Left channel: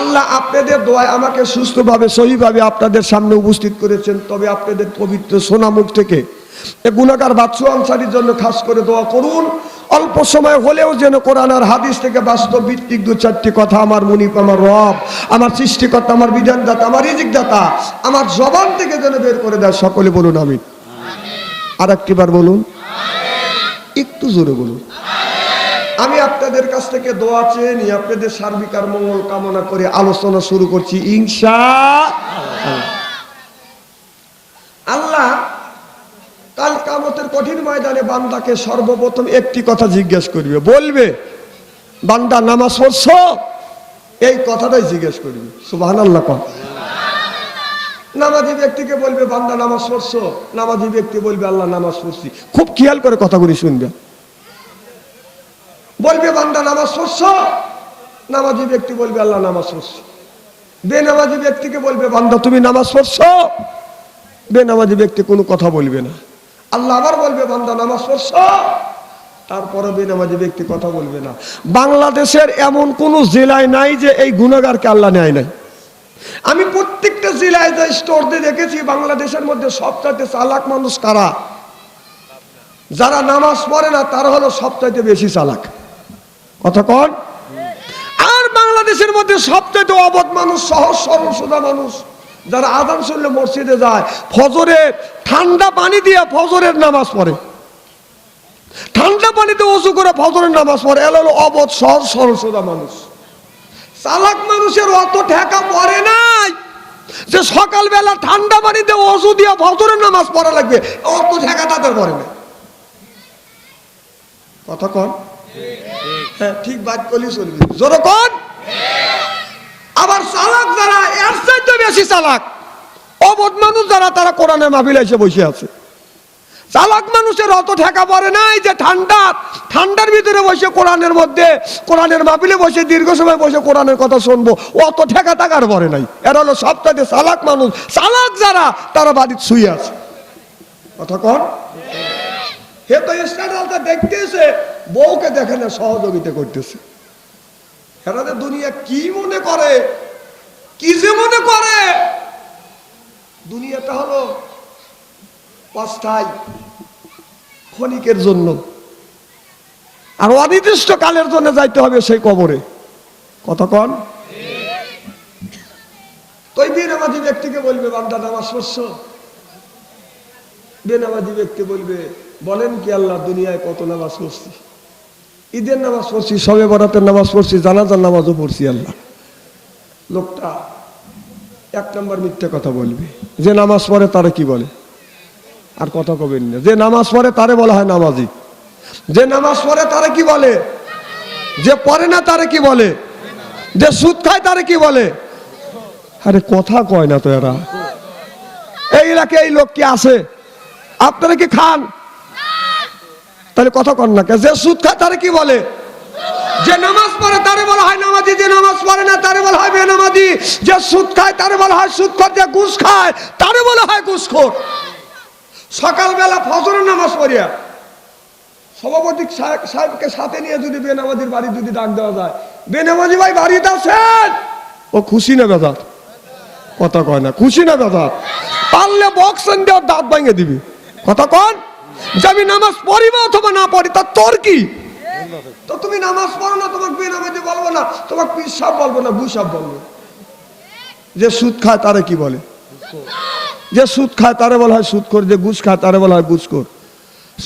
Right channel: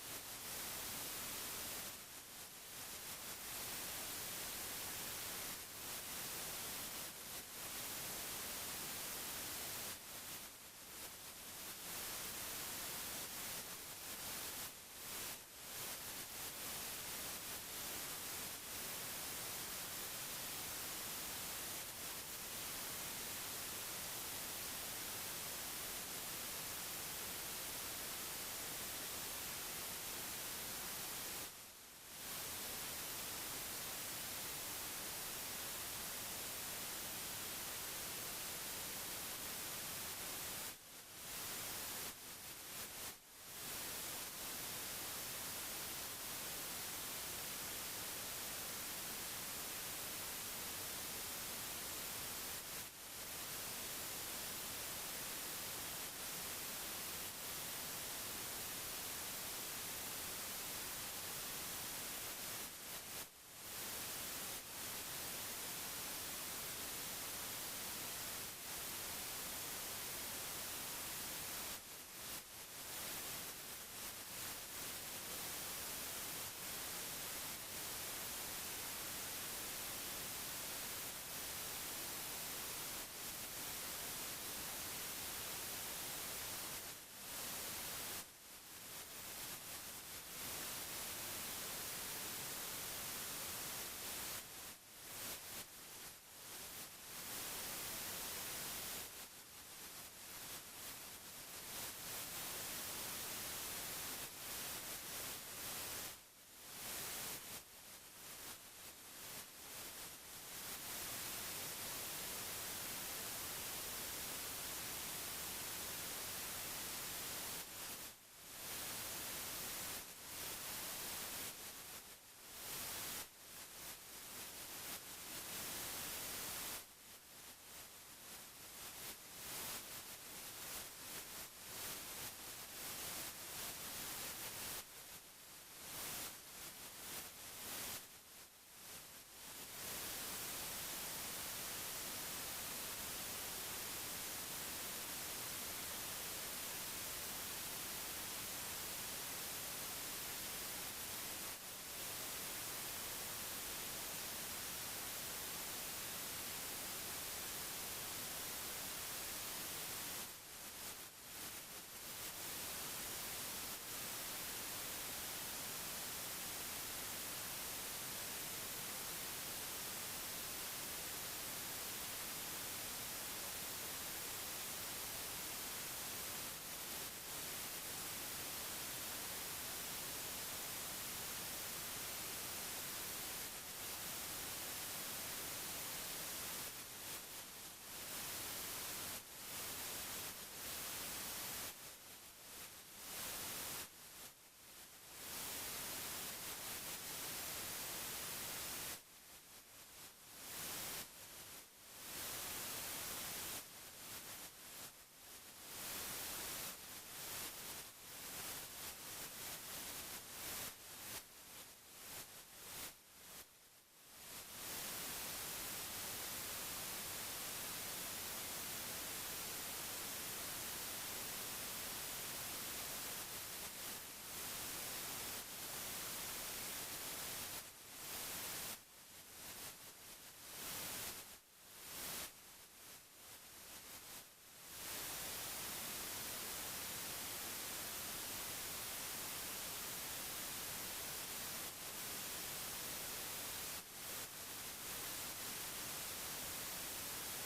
আল্লাহ আপনাদের দোয়ায় আমাকে সুস্থভাবে সহিভাবে আপনাদের সামনে উপস্থিত করেছেন। তবে আপনাদের পবিত্র সোনামুখ থেকে এই গুনাহগার বাচ্চু আনসারীর জন্য খাস করে দোয়া করুন। অল্প সময় হলেও যেন কোরআন আর হাদিস থেকে বাস্তব ভিত্তিক দু চারটি কথা আমার মুনিব, আমার রব, আমার সৃষ্টিকর্তা, আমার বিধানদাতা, আমার রিজিকদাতা আমার জবান থেকে যেন বের করে দেয়। সকলে বলুন আমিন। আর একটিবার বলুন, একটু জোরে বলুন। আমি আপনাদের কাছ থেকে দোয়া চেয়ে নিয়ে আপনাদের সার্বিক আর মঙ্গল কামনা করে আলোচনা শুরু করছি ইনশাআল্লাহ। আল্লাহ কাল কিয়ামতের কঠিন ময়দানে বান্দাকে সর্বপ্রথম একটি কথা জিজ্ঞেস করবে, বলবে বান্দা নামাজ পড়ছো? এই কথাটাই জিজ্ঞেস করবে। সুবহানাল্লাহ। নামাজি ব্যক্তিকে বলবে বান্দা নামাজ পড়ছো? নামাজি ব্যক্তি বলবে আল্লাহ নামাজ পড়ছি। খুব খেয়াল করে কথাগুলি শুনবে। বলবে বান্দা নামাজ পড়ছো? নামাজি ব্যক্তি বলবে আল্লাহ নামাজ পড়ছি। বেনামাজি ব্যক্তিকে বলবে বান্দা তুমি নামাজ পড়ছো? বেনামাজি ব্যক্তি কোনো কথা বলবে না। আল্লাহ আবার বলবে বান্দা নামাজ পড়ছো? তারপরে বেনামাজি ব্যক্তি কথা বলবে না। বাংলাদেশের এমন কোন জেলায় নাই যে এই গুনাহগারকে আল্লাহ নেয় নাই। আমি প্রত্যেকটা জেলায় যে স্টোর দিয়ে দেখেছি বাংলাদেশের মধ্যে সবচাইতে চালাক মানুষ কারা? যারা নামাজ পড়ে না তারা হলো সবচাইতে বেশি চালাক। কথা কন। আর বাংলাদেশের মধ্যে সবচাইতে অবধ মানুষ, সহজ সরল সোজা মানুষ যারা আযান শুনলে মসজিদে যায়, ফজরে ঠান্ডা পানি দিয়ে ফজরের নামাজ পড়ে, ঠান্ডা পানিতে ওযু করে ফজরের নামাজ পড়ে, এরা হলো অবধ সহজ সরল সোজা মানুষ। চালাক মানুষের অত ঠেকা পড়ে নাই যে সকালবেলা ঠান্ডা পানিতে ওযু দিয়ে ফজরের নামাজ পড়া লাগবে, অত ঠেকা তাদের পড়ে না। কথা কন। হ্যাঁ ঠিক বাদ করলে চলবে। জোরে কন। আবার চালাক যারা, এর চাইতে বেশি চালাক অবধ মানুষ যারা, তারা কোরআনের মাহফিলে এসে বসে আছে। চালাক মানুষের অত ঠেকা পড়ে নাই যে ঠান্ডার ভিতরে বসে কোরআনের মধ্যে, কোরআনের মাহফিলে বসে দীর্ঘ সময় বসে কোরআনের কথা শুনবো, অত ঠেকা টাকার পড়ে নাই। এরা হলো সবচাইতে চালাক মানুষ। চালাক যারা তারা বাড়িতে শুয়ে আছে। কথা কন। হে তো স্ট্যান্ডার্ডটা দেখতেছে, বউকে দেখে না সহযোগিতা করতেছে। এরা দুনিয়া কি মনে করে, কি যে মনে করে দুনিয়াটা হলো অস্থায়ী, ক্ষণিকের জন্য, আর অনির্দিষ্ট কালের জন্য যাইতে হবে সেই কবরে। কথা কন। তো বেনামাজি ব্যক্তিকে বলবে বান্দা নামাজ পড়ছো? বেনামাজি ব্যক্তি বলবে বলেন কি আল্লাহ, দুনিয়ায় কত নামাজ পড়ছি, ঈদের নামাজ পড়ছি, শবে বরাতের নামাজ পড়ছি, জানাজার নামাজও পড়ছি আল্লাহ। লোকটা এক নম্বর মিথ্যে কথা বলবে। যে নামাজ পড়ে তারে কি বলে? আর কথা কবেন না। যে নামাজ পড়ে তারে বলা হয় নামাজি। যে নামাজ পড়ে তারে কি বলে? যে পড়ে না তারে কি বলে? যে সুদ খায় তারে কি বলে? আরে কথা কয় না তো এরা। এই এলাকায় এই লোক কি আছে? আপনারা কি খান? তাহলে কথা কন না। যে সুদ খায় তারে কি বলে? যে নামাজ পড়ে তারে বলা হয় নামাজি। যে নামাজ পড়ে না তারে বলা হয় বেনামাজি। যে সুদ খায় তারে বলা হয় সুদখোর। যে ঘুষ খায় তারে বলা হয় ঘুষখোর। সকালবেলা ফজরের নামাজ পড়িয়া সভাপতি সাহেবকে সাথে নিয়ে যদি বেনামাজির বাড়ি যদি ডাক দেওয়া যায়, বেনামাজি ভাই বাড়িতে আছেন, ও খুশি না বেজার? কথা কয় না। খুশি না বেজার? পারলে বক্সন দেওয়ার দাঁত ভাঙে দিবি। কথা কন। যে আমি নামাজ পড়িব অথবা না পড়ি তা তোর কি? তো তুমি নামাজ পড়ো না, তোমাকে বেনামাজি বলবো না, তোমাকে পীর সাহেব বলবো না, ঘুষ সাহেব বলবো। যে সুদ খায় তারে কি বলে? যে সুদ খায় তারে বলা হয় সুদখোর। যে ঘুষ খায় তারে বলা হয় ঘুষখোর।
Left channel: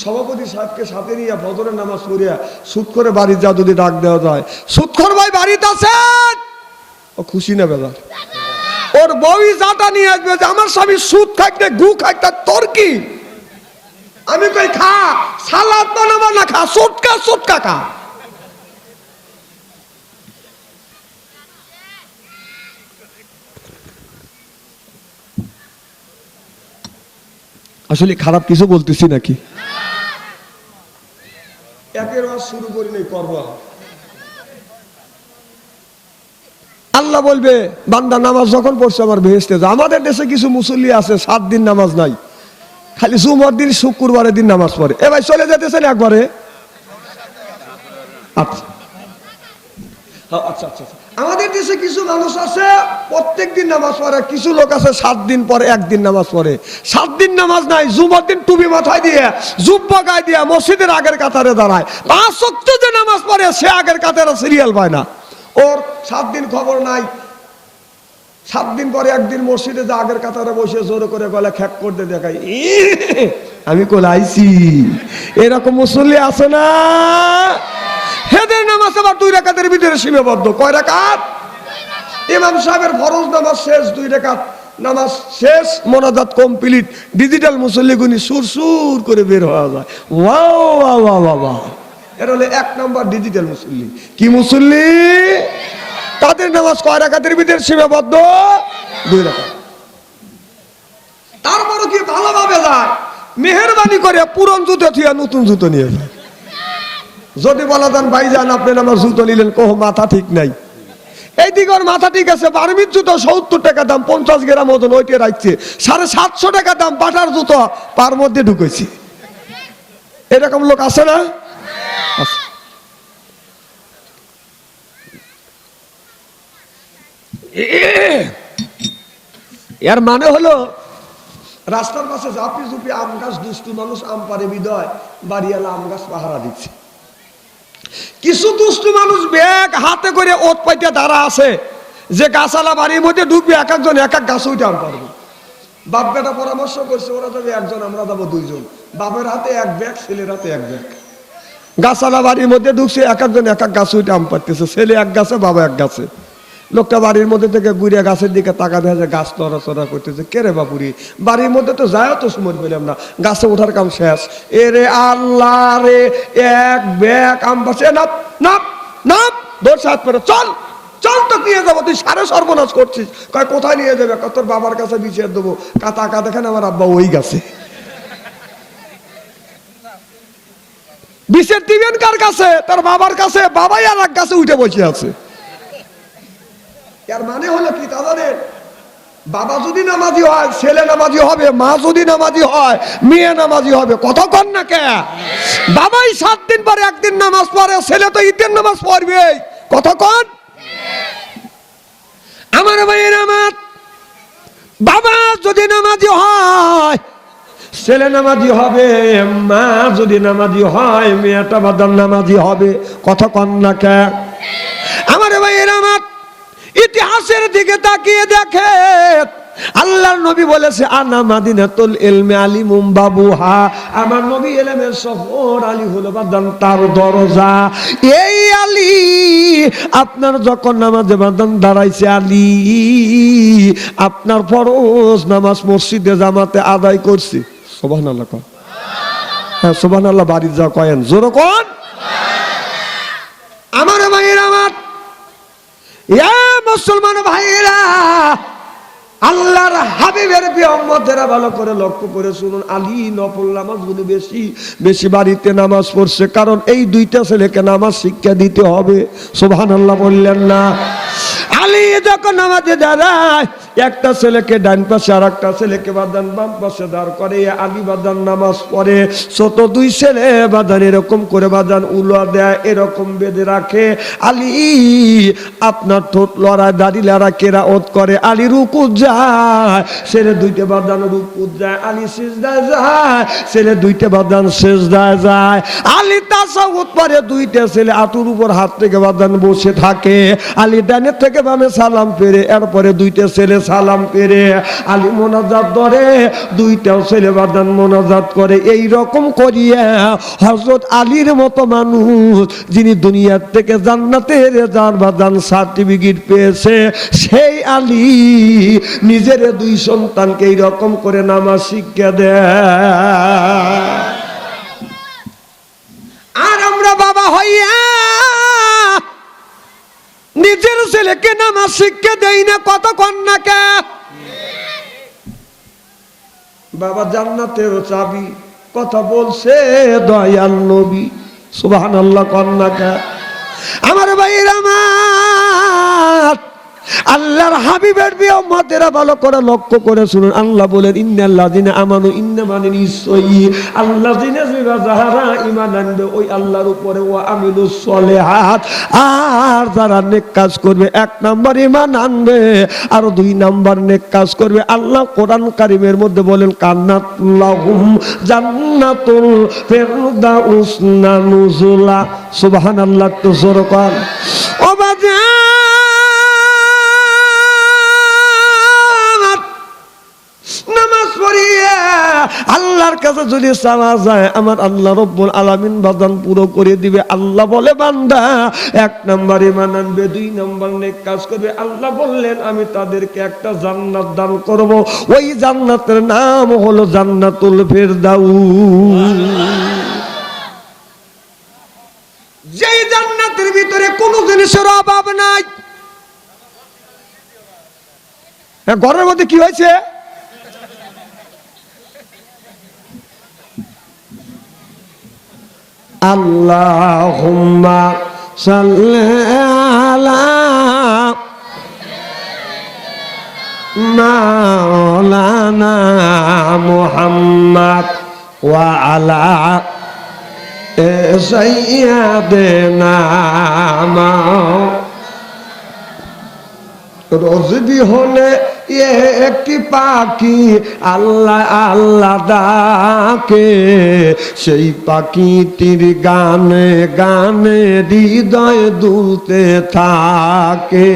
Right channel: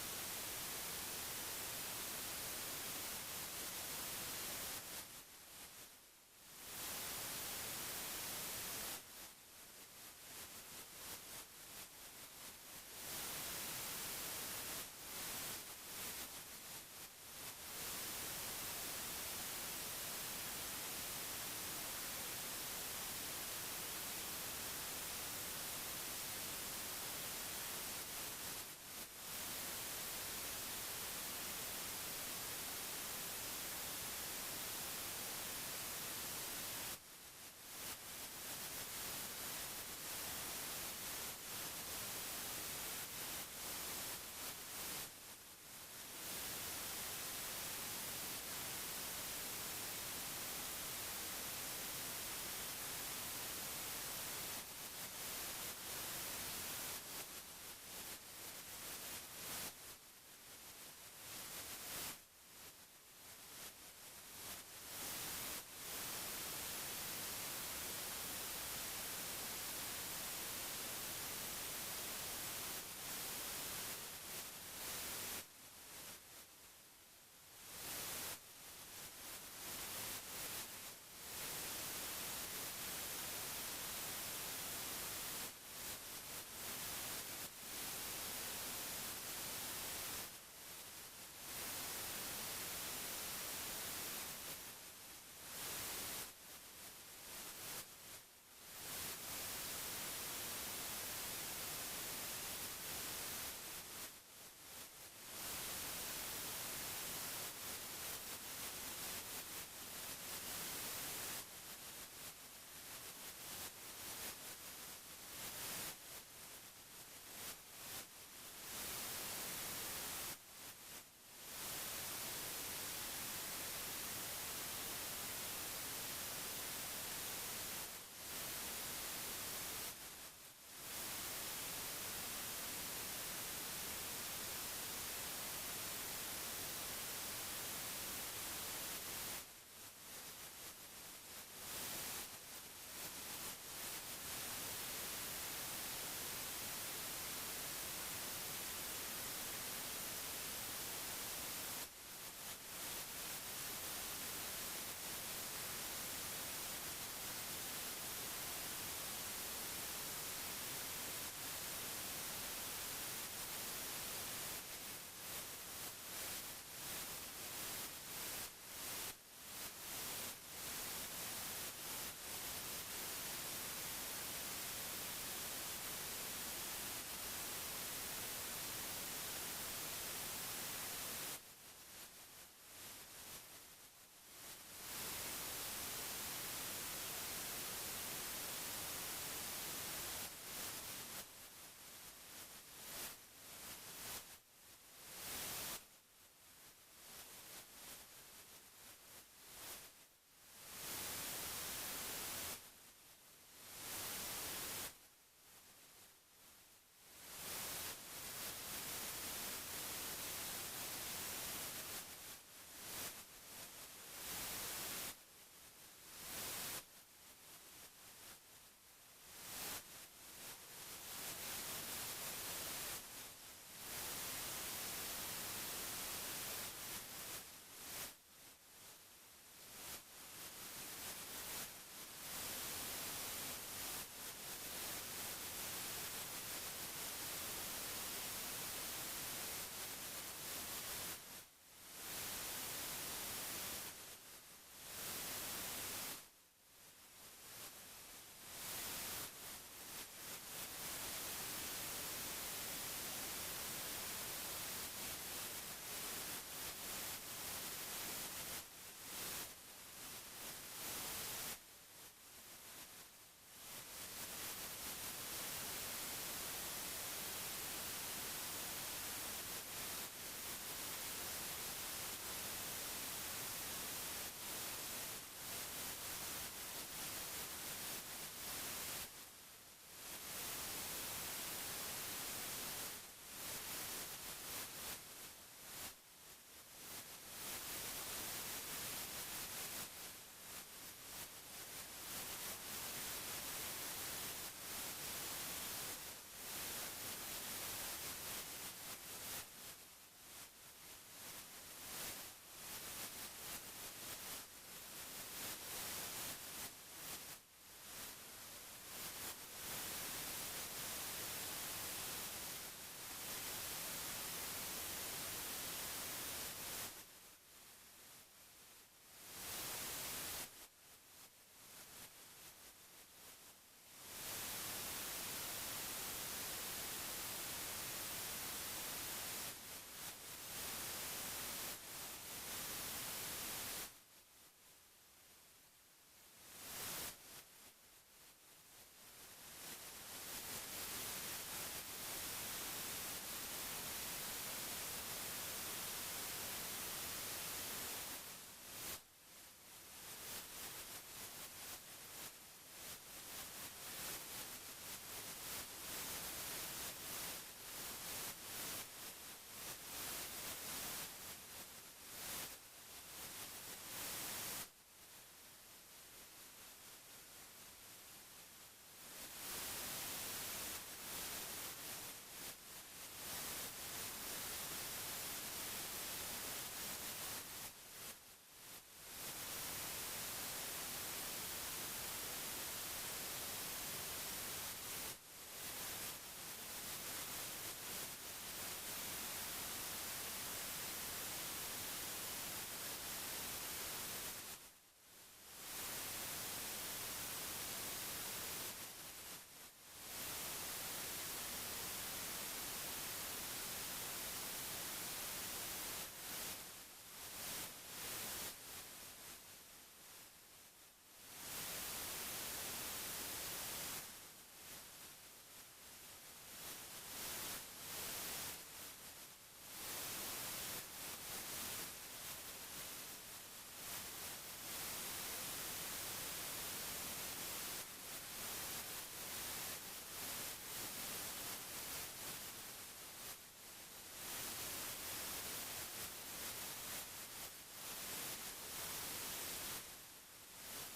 সভাপতি সাহেবকে সাথে নিয়ে ফজরের নামাজ পড়িয়া সুদখোরে বাড়ি যা যদি ডাক দেওয়া যায়, সুদখোর ভাই বাড়িতে আছেন, ও খুশি না বেজার? ওর বউই যাটা নিয়ে আসবে যে আমার স্বামী সুদ খাইতে ঘু খাইতে তোর কি? আমি কই খা, সালাদ বানাবো না খা, সুটকা সুটকা খা। আসলে খারাপ কিছু বলতেছি নাকি? একের ওয়াজ শুরু করি নাই, করবো। আল্লাহ বলবে বান্দা নামাজ যখন পড়ছে আমার বেহেশতে যা। আমাদের দেশে কিছু মুসল্লি আছে 7 দিন নামাজ নাই, খালি জুমার দিন শুক্রবারের দিন নামাজ পড়ে। এ ভাই চলে যেতেছেন একবারে? আচ্ছা আচ্ছা আচ্ছা। আমাদের দেশে কিছু মানুষ আছে প্রত্যেক দিন নামাজ পড়ে, কিছু লোক আছে 7 দিন পরে একদিন নামাজ পড়ে। 7 দিন নামাজ নাই, জুমার দিন টুপি মাথায় দিয়ে জুব্বা গায়ে দিয়ে মসজিদের আগের কাতারে দাঁড়ায়। 5 ওয়াক্ত যে নামাজ পড়ে সে আগের কাতারে সিরিয়াল পায় না, ওর 7 দিন খবর নাই। 7 দিন পরে একদিন মসজিদে যে আগের কাতারে বসে জোরে করে গলা খ্যাক করতে দেখাই, আমি কোলাইছি। এরকম মুসল্লি আছে না? হেদের নামাজ আবার 2 রাকাতের ভিতরে সীমাবদ্ধ। কয় রাকাত? ইমাম সাহেবের ফরজ নামাজ শেষ, 2 রাকাত নামাজ শেষ, মোনাজাত কমপ্লিট। ডিজিটাল মুসল্লি গুনি সুর সুর করে বের হওয়া যায়। ওয়াও ওয়াও ওয়াও ওয়াও, এর হলে 1 নম্বর ডিজিটাল মুসল্লি। কি মুসল্লি? তাদের নামাজ কয় রাকাতের ভিতরে সীমাবদ্ধ? 2 রাকাত। তারপরও কি ভালোভাবে যায়, মেহেরবানি করে পুরন জুতো থিয়া নতুন জুতো নিয়ে যায়। যদি বলা যান ভাইজান আপনি আমার জুতো নিলেন, কহ মাথা ঠিক নাই। এইদিকে ওর মাথা ঠিক আছে, বার্মির জুতো 70 টাকা দাম, 50 গ্রাম ওজন, ওইটা রাখছে। 750 টাকা দাম বাটার জুতো পার মধ্যে ঢুকেছি। এরকম লোক আছে না? এর মানে হলো রাস্তার পাশে ঝাপি ঝুপি আম গাছ, দুষ্টু মানুষ আম পারে বিদয় বাড়িওয়ালা আম গাছ পাহারা দিচ্ছে। কিছু দুষ্টু মানুষ ব্যাগ হাতে করে ওত পাইতে দাঁড়া আছে, যে গাছালা বাড়ির মধ্যে ঢুকবে, এক একজন এক এক গাছ উঠে আম পারবে। বাপ বেটা পরামর্শ করছে, ওরা যাবে 1 জন, আমরা যাবো 2 জন। বাপের হাতে 1 ব্যাগ, ছেলের হাতে 1 ব্যাগ। গাছালা বাড়ির মধ্যে ঢুকছে, এক একজন এক এক গাছ উঠে আম পারতেছে, ছেলে 1 গাছে, বাবা 1 গাছে। লোকটা বাড়ির মধ্যে থেকে ঘুরে গাছের দিকে তাকা দেখা, গাছ নড়াচড়া করতেছে। কে রে বাপুরি, বাড়ির মধ্যে তো যায় তো সময় পেলাম না, গাছে ওঠার কাম শেষ। এরে আল্লাহ রে, 1 ব্যাগ আম পাচ্ছে। নাপ নাপ নাপ, দৌড় হাত পরে, চল চল, তো নিয়ে যাবো, তুই সারে সর্বনাশ করছিস। কয় কোথায় নিয়ে যাবে? তোর বাবার কাছে বিছিয়ে দেবো। কাকা দেখেন আমার আব্বা ওই গাছে। বিছের দিবেন কার কাছে? তার বাবার কাছে। বাবাই আর 1 গাছে উঠে বসে আছে। এর মানে হলো কি তা জানেন? বাবা যদি নামাজি হয় ছেলে নামাজি হবে, মা যদি নামাজি হয় মেয়ে নামাজি হবে। কথা কন না কে? বাবাই 7 দিন পরে একদিন নামাজ পড়ে, ছেলে তো ঈদের নামাজ পড়বে। কথা কন আমার ভাইয়ের আমার। বাবা যদি নামাজি হয় ছেলে নামাজি হবে, মা যদি নামাজি হয় মেয়েটা বাদান নামাজি হবে। কথা কন না কে আমার ভাইয়ের আমার। ইতিহাসের দিকে তাকিয়ে দেখে আল্লাহর নবী বলেছে, আনা মাদিনাতুল ইলমি আলিমুম বাবুহা। আমার নবী ইলমের শহর, আলী হলো বাদান তার দরজা। এই আলী আপনার যখন নামাজে বাদান দাঁড়াইছে, আলী আপনার ফরজ নামাজ মসজিদে জামাতে আদায় করছে। সুবহানাল্লাহ কোন? হ্যাঁ সুবহানাল্লাহ, বাড়ি যা কয়েন জোরে কোন। আমার ভাইয়েরা, আমার মুসলমান ভাইয়েরা, আল্লাহর হাবিবের প্রিয় উম্মতেরা ভালো করে লক্ষ্য করে শুনুন। আলী নফল নামাজগুলো বেশি বেশি বাড়িতে নামাজ পড়ছে, কারণ এই 2টা ছেলেকে নামাজ শিক্ষা দিতে হবে। সুবহানাল্লাহ বললেন না? আলী যখন নামাজে দাঁড়ায়, একটা ছেলেকে ডান পাশে আর একটা ছেলেকে বাদান বাম পাশে দাঁড় করে আলী বাদান নামাজ পড়ে। ছোট 2 ছেলে বাদান এরকম করে বাদান উলা দেয়, এরকম বেঁধে রাখে। আলী আপনার ঠোঁট লড়ায়, দাড়ি লড়া কেরাওত করে। আলী রুকু যায়, ছেলে 2টে বাদান রুকু যায়। আলী সিজদায় যায়, ছেলে 2টে বাদান সিজদায় যায়। আলী তাসাউদ পড়ে, 2টে ছেলে আঁটুর উপর হাত থেকে বাদান বসে থাকে। আলী ডানের থেকে বামে সালাম ফেরে, এরপরে 2টে ছেলে সালাম পেরে আলী মোনাজাত ধরে, 2টাও ছেলে বাদান মোনাজাত করে। এই রকম করিয়া হযরত আলীর মতো মানুষ, যিনি দুনিয়ার থেকে জান্নাতের যার বাদান সার্টিফিকেট পেয়েছে, সেই আলী নিজের 2 সন্তানকে এই রকম করে নামাজ শিক্ষা দেয়। আর আমরা বাবা হইয়া নিজের ছেলেকে নামাজ শিক্ষা দেই না। কত কন্যাকে বাবা জান্নাতের চাবি কথা বলছে দয়াল নবী। সুবহানাল্লাহ কন্যাকে আমার ভাইয়ের আমার। আল্লাহর হাবিবের প্রিয় উম্মতেরা ভালো করে লক্ষ্য করে শুনুন। আল্লাহ বলেন ইন্নাল্লাযিনা আমানু, ইন্না মানে নিশ্চয়ই আল্লাযিনা যারা ঈমান আনবে ওই আল্লাহর উপরে, ওয়া আমিলুস সলিহাত, আর যারা নেক কাজ করবে, এক নাম্বার ঈমান আনবে আর দুই নাম্বার নেক কাজ করবে। আল্লাহ কোরআন কারীমের মধ্যে বলেন কান্নাত লাহুম জান্নাতুল ফিরদাউস নুজুলা। সুবহানাল্লাহ, তো জোরে কর ও বাজা। নামাজ পড়িয়ে আল্লাহর কাছে যদি চাওয়া যায়, আমার আল্লাহ রব্বুল আলামিন বাজান পুরো করে দিবে। আল্লাহ বলে বান্দা এক নাম্বার ঈমান আনবে, দুই নাম্বার নেক কাজ করবে, আল্লাহ বললেন আমি তাদেরকে একটা জান্নাত দান করব। ওই জান্নাতের নাম হলো জান্নাতুল ফিরদাউস। যেই জান্নাতের ভিতরে কোনো জিনিসের অভাব নাই। ঘরের মধ্যে কি হয়েছে? আল্লাহুম্মা সাল্লি আলা মাওলানা মুহাম্মদ ওয়া আলা সাইয়্যিদিনা রোজবি হলে একটি পাখি আল্লাহ আল্লাহ ডাকে, সেই পাখিটির গানে গানে হৃদয় দুলতে থাকে।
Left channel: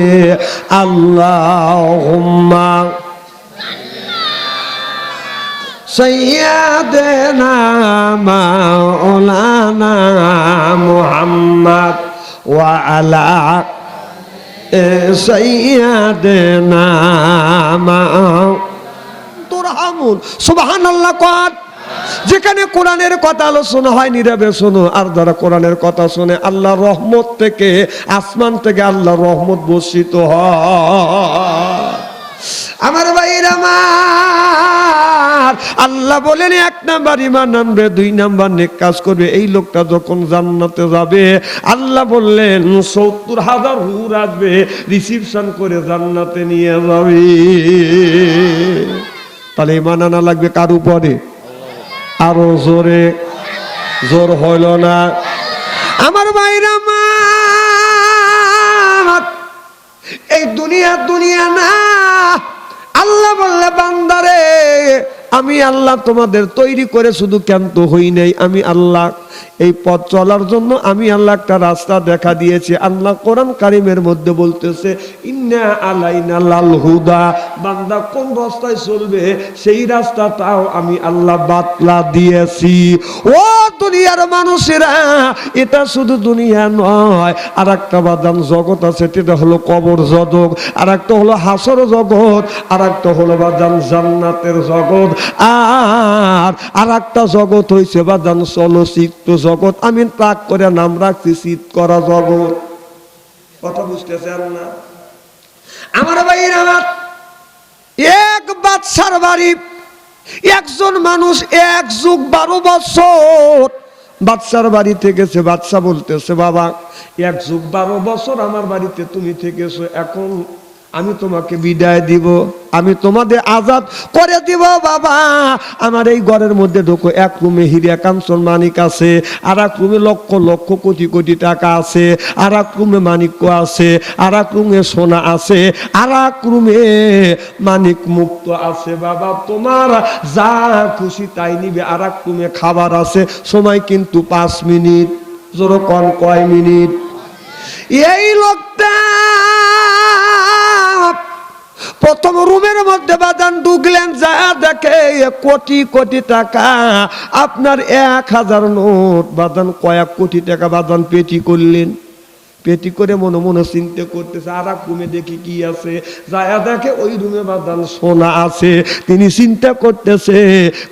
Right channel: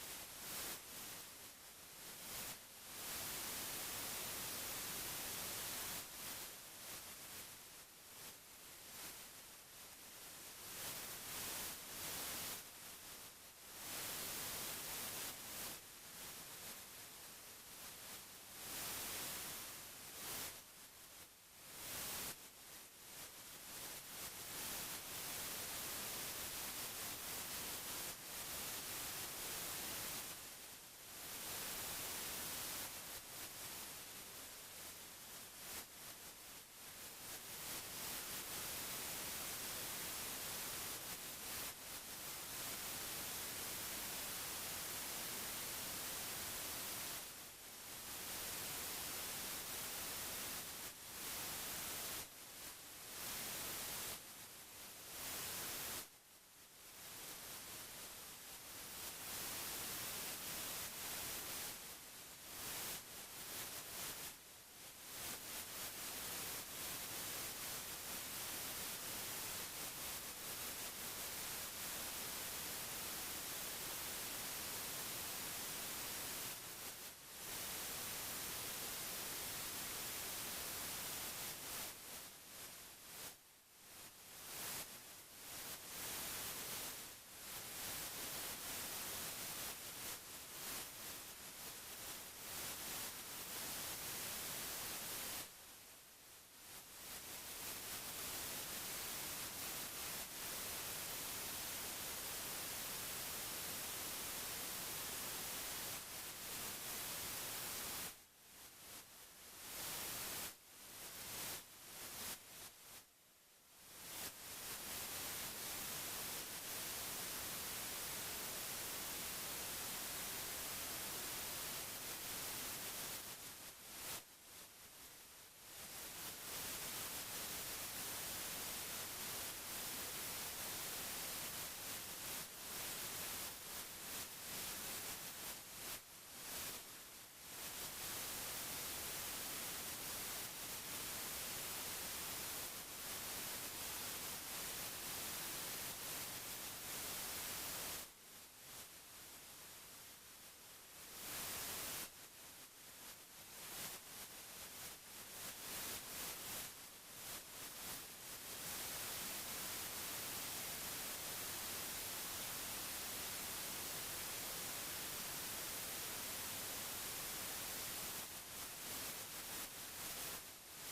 আল্লাহুম্মা সাইয়্যিদিনা মাওলানা মুহাম্মদ ওয়া আলা সাইয়্যিদিনা তুরহামুন। সুবহানাল্লাহ কর। যেখানে কোরআনের কথা আলোচনা হয় নীরবে শোনো, আর যারা কোরআনের কথা শুনে আল্লাহর রহমত থেকে, আসমান থেকে আল্লাহর রহমত বর্ষিত হয়। আমার ভাইরা আমার, আল্লাহ বলেন এক নাম্বার ঈমান আনবে, দুই নাম্বার নেক কাজ করবে। এই লোকটা যখন জান্নাতে যাবে, আল্লাহ বললেন ৭০,০০০ হুর আসবে, রিসিপশন করে জান্নাতে নিয়ে যাবে। তাহলে ঈমান আনা লাগবে কার উপরে? আরো জোরে, জোর হইল না আমার ভাইরা আমার। এই দুনিয়া দুনিয়া না। আল্লাহ বললে বান্দারে আমি আল্লাহ তোমাদের তৈরি করে শুধু ক্ষান্ত হই নাই, আমি আল্লাহ এই পথ চলার জন্য আমি আল্লাহ একটা রাস্তা দেখা দিয়েছি। আল্লাহ কোরআন কারীমের মধ্যে বলতেছে ইন্না আলাইনা লাল হুদা, বান্দা কোন রাস্তায় চলবে সেই রাস্তাটাও আমি আল্লাহ বাতলা দিয়েছি। ও দুনিয়ার মানুষেরা, এটা শুধু দুনিয়া নয়, আর একটা বাদাম জগৎ আছে, সেটা হলো কবর জগৎ, আর একটা হলো হাসর জগৎ, আর একটা হলো বাদাম জান্নাতের জগৎ, আর একটা জগৎ হইছে বাদাম চলচ্চিত্র জগৎ। আমি তাক করে নাম রাখছি চিত করা জগৎ। কথা বুঝতেছেন না আমার ভাইয়ের? আমার এক বাদশার বাড়ি, একজন মানুষ ১ যুগ ১২ বছর বাদশার বাড়িতে গেছে। বাদশা বলতেছে বাবা ১ যুগ ১২ বছর আমার বাড়িতে তুমি থেকেছো, এখন আমি তোমাকে বিদায় দিব, আমি তোমাদের আজাদ করে দিব। বাবা আমার এই ঘরের মধ্যে ঢোকো, এক রুমে হীরা কাঞ্চন মানিক আছে, আর এক রুমে লক্ষ লক্ষ কোটি কোটি টাকা আছে, আর এক রুমে মানিক্য আছে, আর এক রুমে সোনা আছে, আর এক রুমে মানিক মুক্ত আছে। বাবা তোমার যা খুশি তাই নিবে। আর এক রুমে খাবার আছে, সময় কিন্তু ৫ মিনিট। জোরে কোন কয় মিনিট? এই লোকটা প্রথম রুমের মধ্যে বাদান ঢুকলেন, যা দেখে কোটি কোটি টাকা। আপনার ১,০০০ নোট বাদান, কয়েক কোটি টাকা বাদান পেটি করলেন। পেটি করে মনে মনে চিন্তা করতেছে, আর এক রুমে দেখি কি আছে, যা দেখে ওই রুমে বাদান সোনা আছে। তিনি চিন্তা করতেছে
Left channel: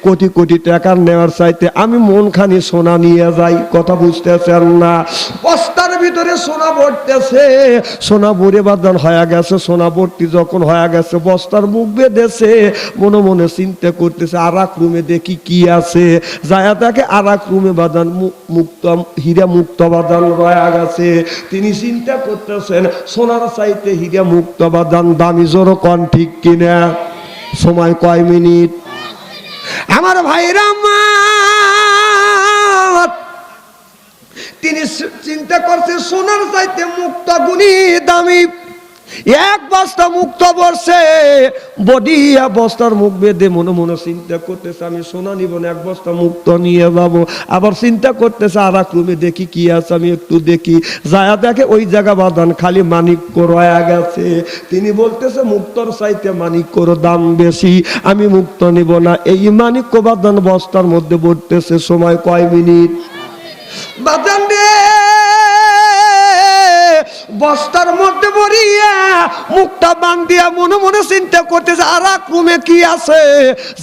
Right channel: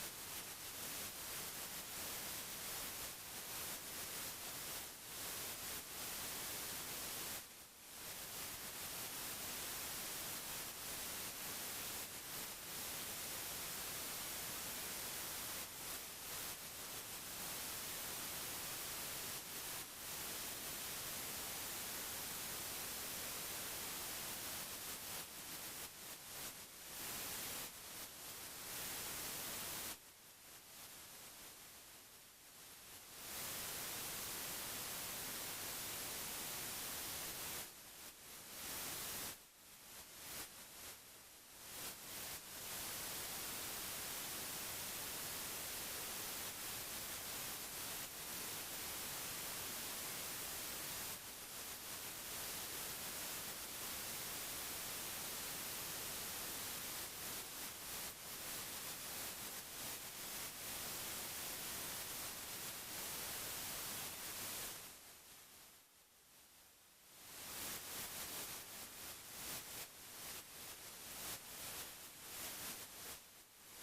কোটি কোটি টাকা নেওয়ার চাইতে আমি মনখানি সোনা নিয়ে যাই। কথা বুঝতেছেন না? বস্তার ভিতরে সোনা ভরতেছে, সোনা ভরে বাদান হয়ে গেছে। সোনা ভর্তি যখন হয়ে গেছে, বস্তার মুখ বেঁধেছে, মনে মনে চিন্তা করতেছে আর এক রুমে দেখি কি আছে। যায় দেখে আর এক রুমে বাদান মুক্ত, হীরা মুক্ত বাদান রয়ে গেছে। তিনি তিনি চিন্তা করতেছেন সোনার চাইতে হীরা মুক্ত বাদান দামি, জোর কোন ঠিক কিনা? সময় কয় মিনিট? আমার ভাইরা আমার, তিনি চিন্তা করছে সোনার চাইতে মুক্ত গুণী দামি। এক বস্তা মুক্ত বর্ষে বডি বস্তার মুখ বেঁধে মনে মনে চিন্তা করতেছে আমি সোনা নিব না, এক বস্তা মুক্ত নিয়ে যাব। আবার চিন্তা করতেছে আর এক রুমে দেখি কি আছে, আমি একটু দেখি। যায় দেখে ওই জায়গা বাদান খালি মানিক্য রয়ে গেছে। তিনি বলতেছে মুক্তর চাইতে মানিক্যর দাম বেশি, আমি মুক্ত নিব না। এই মানিক্য বাদান বস্তার মধ্যে পড়তেছে। সময় কয় মিনিট? বাদান রে বস্তার মধ্যে ভরিয়া মুখটা বান্ধিয়া মনে মনে চিন্তা করতেছে আর এক রুমে কি আছে।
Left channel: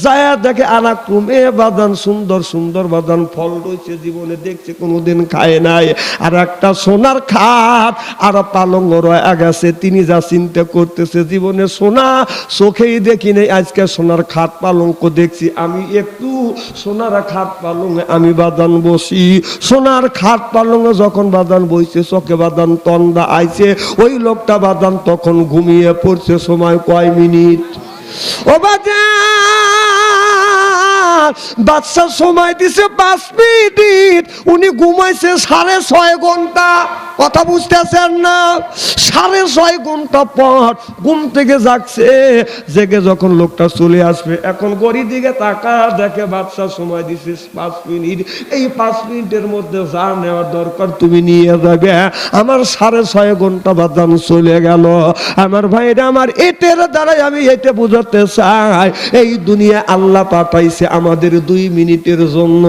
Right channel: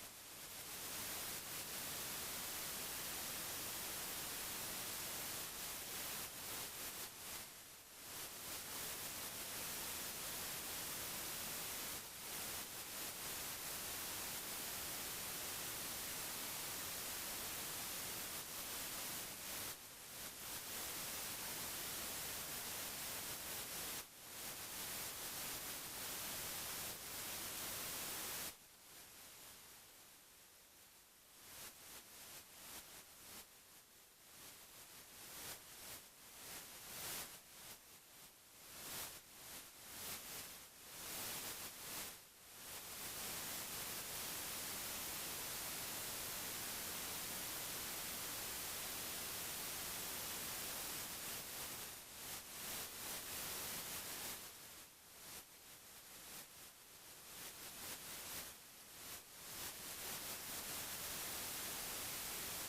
যায় দেখে আর এক রুমে বাদান সুন্দর সুন্দর বাদান ফল রয়েছে, জীবনে দেখছে কোনোদিন খায় নাই। আর একটা সোনার খাট আর পালঙ্গ রয়ে গেছে। তিনি যা চিন্তা করতেছে জীবনে সোনা চোখেই দেখি নেই, আজকে সোনার খাট পালঙ্ক দেখছি, আমি একটু সোনার খাট পালঙ্গে আমি বাদান বসি। সোনার খাট পালঙ্গে যখন বাদান বইছে চোখে বাদান তন্দা আইছে। ওই লোকটা বাদান তখন ঘুমিয়ে পড়ছে। সময় কয় মিনিট? ও বাদশা সময় দিছে 5 মিনিট, উনি ঘুমাইছে 6.5 ঘন্টা। কথা বুঝতেছেন না? 6.5 ঘন্টা পর ঘুম থেকে জাগছে। জেগে যখন লোকটা চলে আসবে, এখন গড়ির দিকে তাকা দেখে বাদশা সময় দিছে 5 মিনিট। এই 5 মিনিটের মধ্যে যা নেওয়ার দরকার তুমি নিয়ে যাবে। আমার 6.5 ঘন্টা বাদাম চলে গেল। আমার ভাইরা আমার, এটার দ্বারাই আমি এটা বুঝাতে চাই এই দুনিয়া আল্লাহ পাঠাইছে আমাদের 2 মিনিটের জন্য।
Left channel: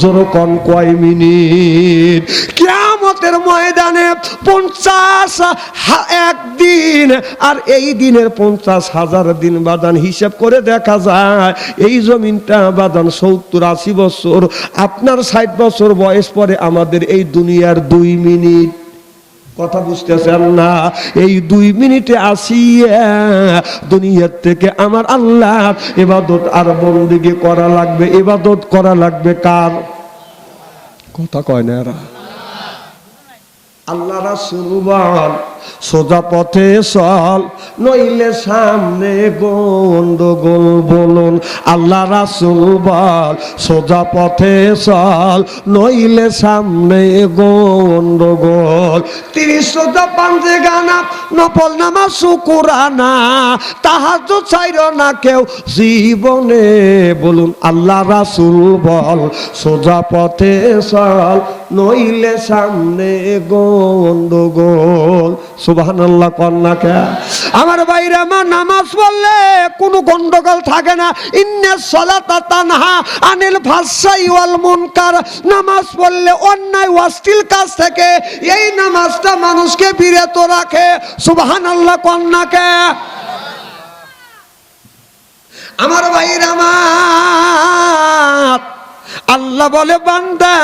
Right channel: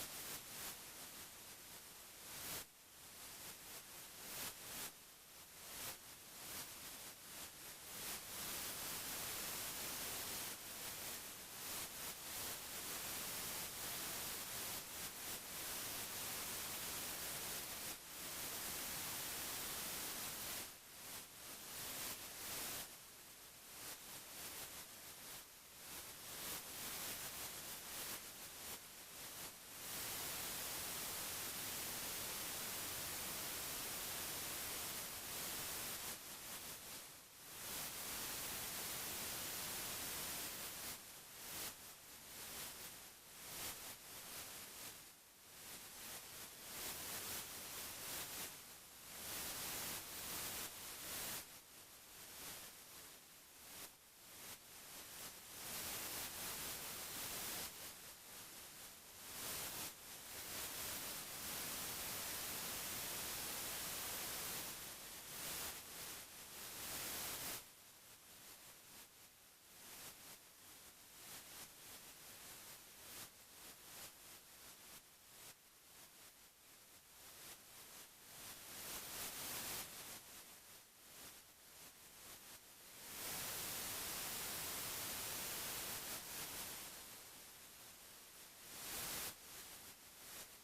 জোরকন কয় মিনিট? কিয়ামতের ময়দানে 50,000 দিন আর এই দিনের 50,000 দিন বাদান হিসাব করে দেখা যায় এই জমিনটা বাদান 70-80 বছর। আপনার 60 বছর বয়স পরে আমাদের এই দুনিয়ার 2 মিনিট। কথা বুঝতেছেন না? এই 2 মিনিটে আসিয়া দুনিয়ার থেকে আমার আল্লাহ ইবাদত আর বন্দেগী করা লাগবে। ইবাদত করা লাগবে কার? কথা কয় না এরা। আল্লাহ রাসূল বল সোজা পথে চল, নইলে সামনে গন্ডগোল। বলুন আল্লাহ রাসূল বল সোজা পথে চল, নইলে সামনে গন্ডগোল। 30 রোজা পাঞ্জে গানা নফল নামাজ শুকরানা, তাহাজ্জুদ ছাইরো না কেউ জীবনে। বলুন আল্লাহ রাসূল বল সোজা পথে চল, নইলে সামনে গন্ডগোল। সুবহানাল্লাহ কন্যা কে? আমার বাইরে আমার নামাজ পড়লে কোনো গন্ডগোল থাকে না। ইন্নাস সালাতা তানহা আনিল ফাহশাই ওয়াল মুনকার। নামাজ পড়লে অন্যায় অশ্লীল কাজ থেকে এই নামাজটা মানুষকে বিরত রাখে। সুবহানাল্লাহ কন্যা কে? আমার বাইরে আমার, আল্লাহ বলে বান্দা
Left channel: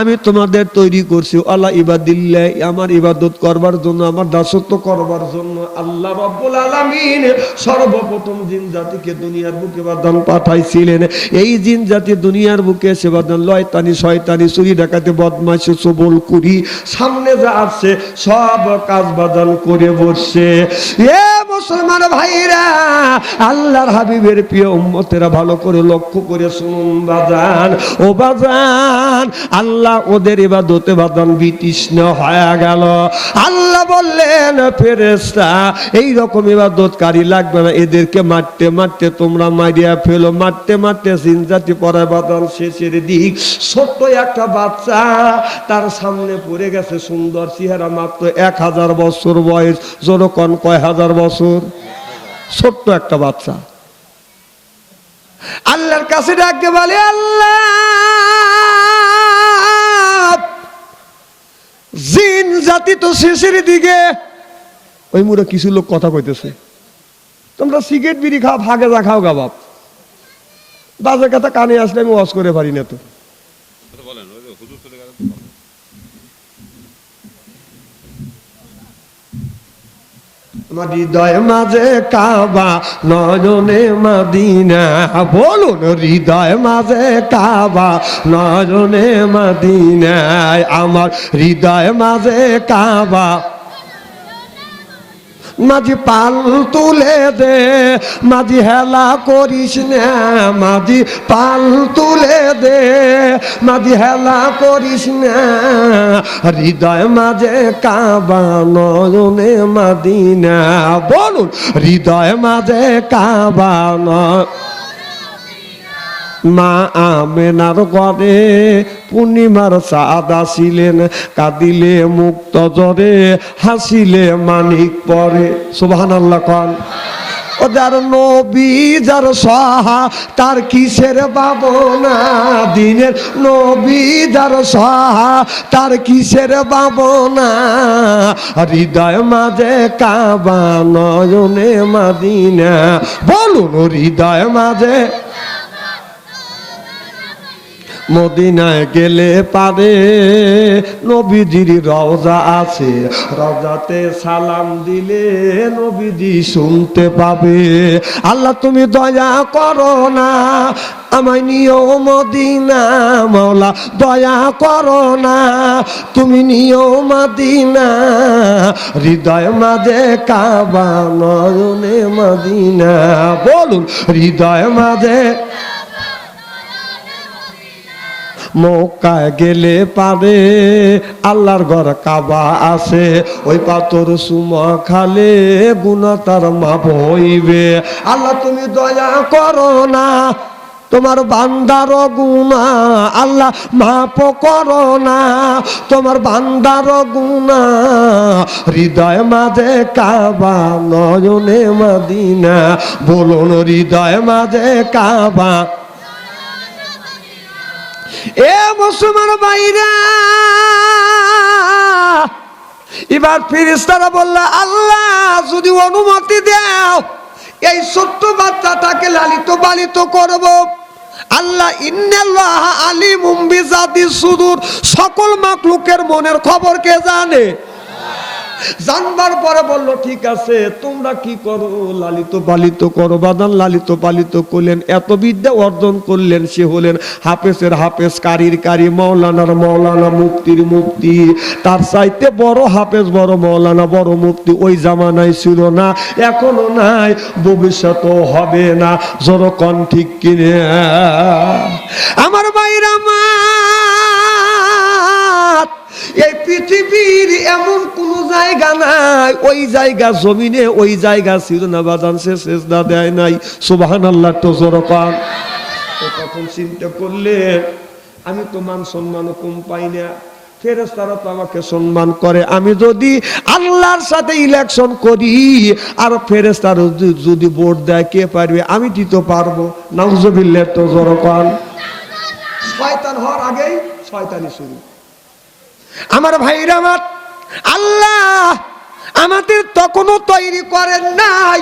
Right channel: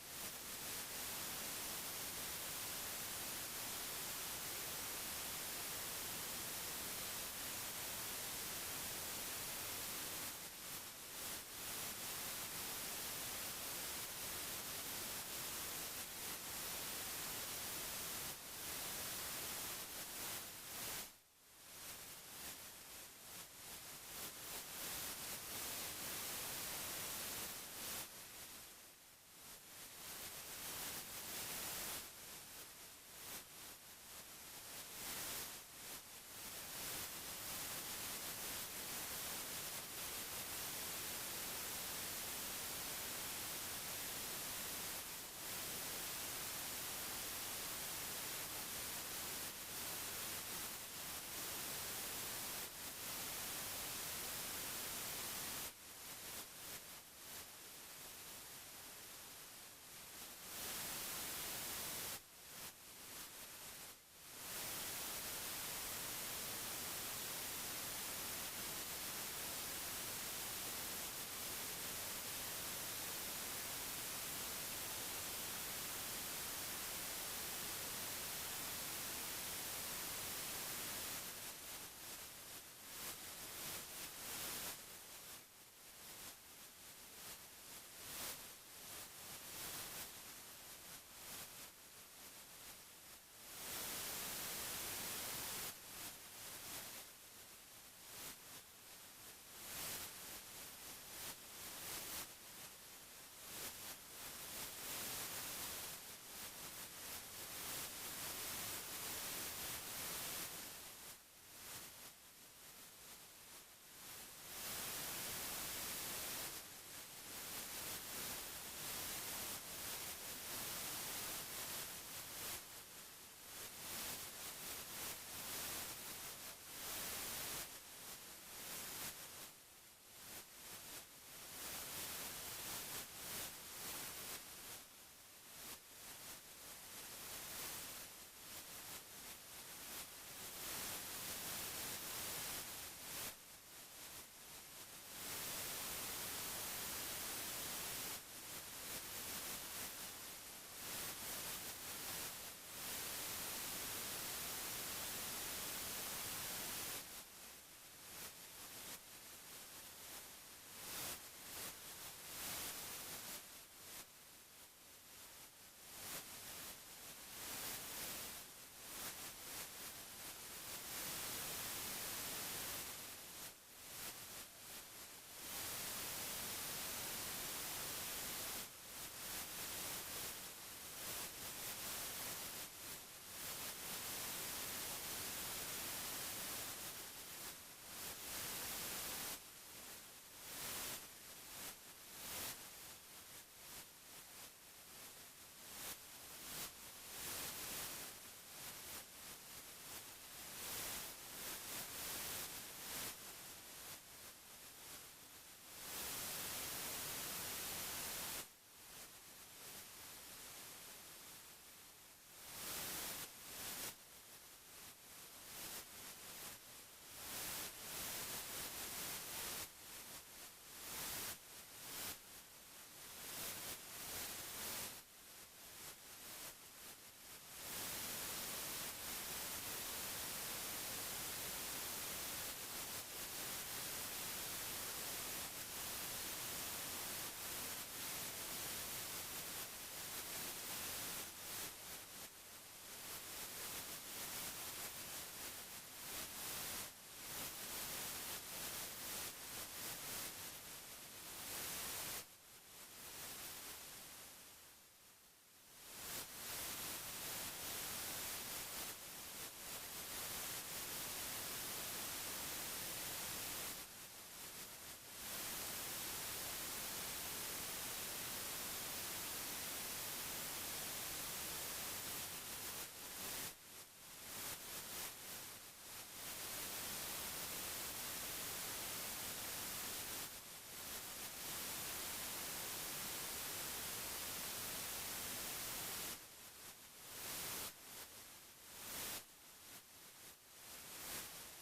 আমি তোমাদের তৈরি করছি আল্লাহ ইবাদিল্লাহ, আমার ইবাদত করবার জন্য, আমার দাসত্ব করবার জন্য। আল্লাহ রাব্বুল আলামিন সর্বপ্রথম জিন জাতিকে দুনিয়ার বুকে বাদান পাঠাইছিলেন। এই জিন জাতি দুনিয়ার বুকে এসে বাদান লয়তানি শয়তানি চুরি ডাকাতি বদমাইশি চুগল কুরি সামনে যা আছে সব কাজ বাদান করে বসছে। এ মুসলমান ভাইরা, আল্লাহর হাবিবের প্রিয় উম্মতেরা ভালো করে লক্ষ্য করে শুনুন বাজান। ও বাজান, আল্লাহ ওদের ইবাদতে বাদান বিতৃষ্ণ হয়ে গেল। আল্লাহ বললেন ফেরেশতা এই রকম ইবাদতকারী লাগবে না, এদেরকে মারতে মারতে তোমরা মারিয়া ফেলো। মারতে মারতে জিন জাতি পড়ায় বাদান শেষের দিক। ছোট্ট একটা বাচ্চা তার সামনে পড়ে গেছে, সুন্দর চেহারা, মাত্র 1000 বছর বয়স। জোরকন কয় হাজার বছর? ছোট্ট একটা বাচ্চা আল্লাহর কাছে ডাকতে বলে আল্লাহ জিন জাতি তো শেষের দিকে। ওই মুড়ে কিছু লোক কথা কইতেছে, তোমরা সিগারেট বিড়ি খাও, ভাগে যা খাও গা বাপ। বাজে কথা কানে আসলে আমি ওয়াজ করে পারি না তো। আমার হৃদয় মাঝে কাবা নয়নে মদিনা, বলুন হৃদয় মাঝে কাবা নয়নে মদিনা, আমার হৃদয় মাঝে কাবা। মাঝি পাল তুলে দে, মাঝি হেলা করিস না, মাঝি পাল তুলে দে, মাঝি হেলা করিস না, হৃদয় মাঝে কাবা নয়নে মদিনা, বলুন হৃদয় মাঝে কাবা নয়। মা আমেনার ঘরে পূর্ণিমার চাঁদ আসিলেন, কাঁদিলে মুক্ত জরে, হাসিলে মানিক পরে। সুবহানাল্লাহ কোন। ও যার নবী যার সহা তার কিসের ভাবনা, দিনের নবী যার সহা তার কিসের ভাবনা, হৃদয় মাঝে কাবা নয়নে মদিনা, বলুন হৃদয় মাঝে। মদিনায় গেলে পারে নবীজির রওজা আছে, রওজাতে সালাম দিলে নবীজি শুনতে পাবে। আল্লাহ তুমি দয়া করো না, আমায় নিও মদিনা, মাওলা দয়া করো না, তুমি নিও মদিনা, হৃদয় মাঝে কাবা নয়নে মদিনা, বলুন হৃদয় মাঝে। মক্কায় গেলে পারে আল্লাহর ঘর কাবা আছে, ওই পাথর সুমা খালে গুনাহ তার মাপ হইবে। আল্লাহ তুমি দয়া করো না, তোমার বান্দার গুনাহ আল্লাহ মাপ করো না, তোমার বান্দার গুনাহ, হৃদয় মাঝে কাবা নয়নে মদিনা, বলুন হৃদয় মাঝে কাবা। এ মুসলমান ভাইরা, এবার ফেরেশতারা বলল আল্লাহ যদি অনুমতি দাও এই ছোট্ট বাচ্চাটাকে লালিত পালিত করব। আল্লাহ ইন্নাল্লাহ আলিমুম বিযাতিস সুদূর, সকল মাখলুকের মনের খবর কে জানে। জানবার পরে বললো ঠিক আছে তোমরা কি করো, লালিত পালিত করো। বাদান লালিত পালিত করলেন, এত বিদ্যা অর্জন করলেন, সে হলেন হাফেজের হাফেজ, কারির কারি, মৌলানার মৌলানা, মুফতির মুফতি। তার চাইতে বড় হাফেজ, বড় মৌলানা, বড় মুফতি ওই জামানায় ছিল না, এখনো নাই, ভবিষ্যতেও হবে না। জোরকন ঠিক কিনে আমার ভাইরা মা, এই পৃথিবীর এমন কোন জায়গা নাই, ওই জায়গা জমিনে ওই জায়গা ছিল না বাজান সে সেজদা দেয় নাই। সুবহানাল্লাহ তো জোরকান। তো তখন চিন্তা করলেন আমি তো মান সম্মান কম পাই না, ফেরেশতারা তো আমাকে সম্মান করে, আমি যদি আল্লাহর সাথে ইলেকশন করি আর ফেরেশতারা যদি ভোট দেয় কে পারবে, আমি দিতে পারবো। নাউজুবিল্লাহ তো জোরকান। শয়তান হওয়ার আগেই শয়তানি শুরু। আমার ভাইরা আমার, আল্লাহ আমাদের তখনও তৈরি করেন নাই।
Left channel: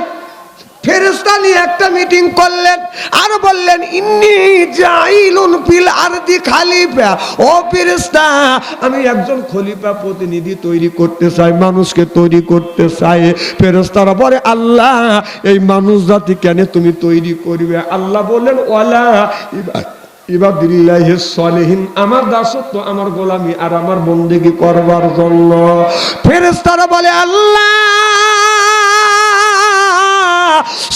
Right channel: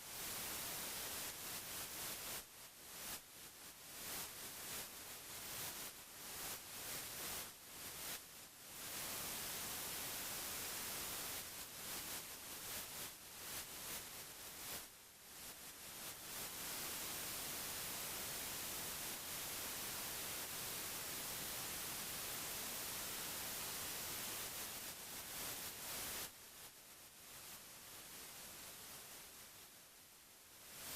ফেরেশতা নিয়ে একটা মিটিং করলেন আর বললেন ইন্নী জাইলুন ফিল আরদি খলিফা, ও ফেরেশতা আমি একজন খলিফা প্রতিনিধি তৈরি করতে চাই, মানুষকে তৈরি করতে চাই। ফেরেশতারা বলে আল্লাহ এই মানুষ জাতি কেন তুমি তৈরি করবে? আল্লাহ বললেন ওয়ালা ইবাদিল্লাহিস সালিহিন, আমার দাসত্ব, আমার গোলামি আর আমার বন্দেগী করবার জন্য। ফেরেশতারা বলে আল্লাহ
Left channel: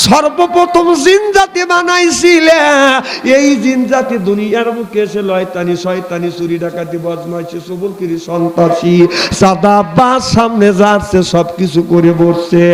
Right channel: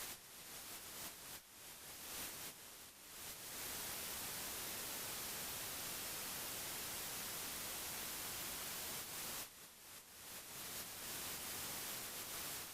সর্বপ্রথম জিন জাতি বানাইছিলে, এই জিন জাতি দুনিয়ার মুখে এসে লয়তানি, শয়তানি, চুরি ডাকাতি, বদমাইশি, চুগলখড়ি, সন্ত্রাসী, সাদাবাজ, সামনে যাচ্ছে সবকিছু করে বসছে।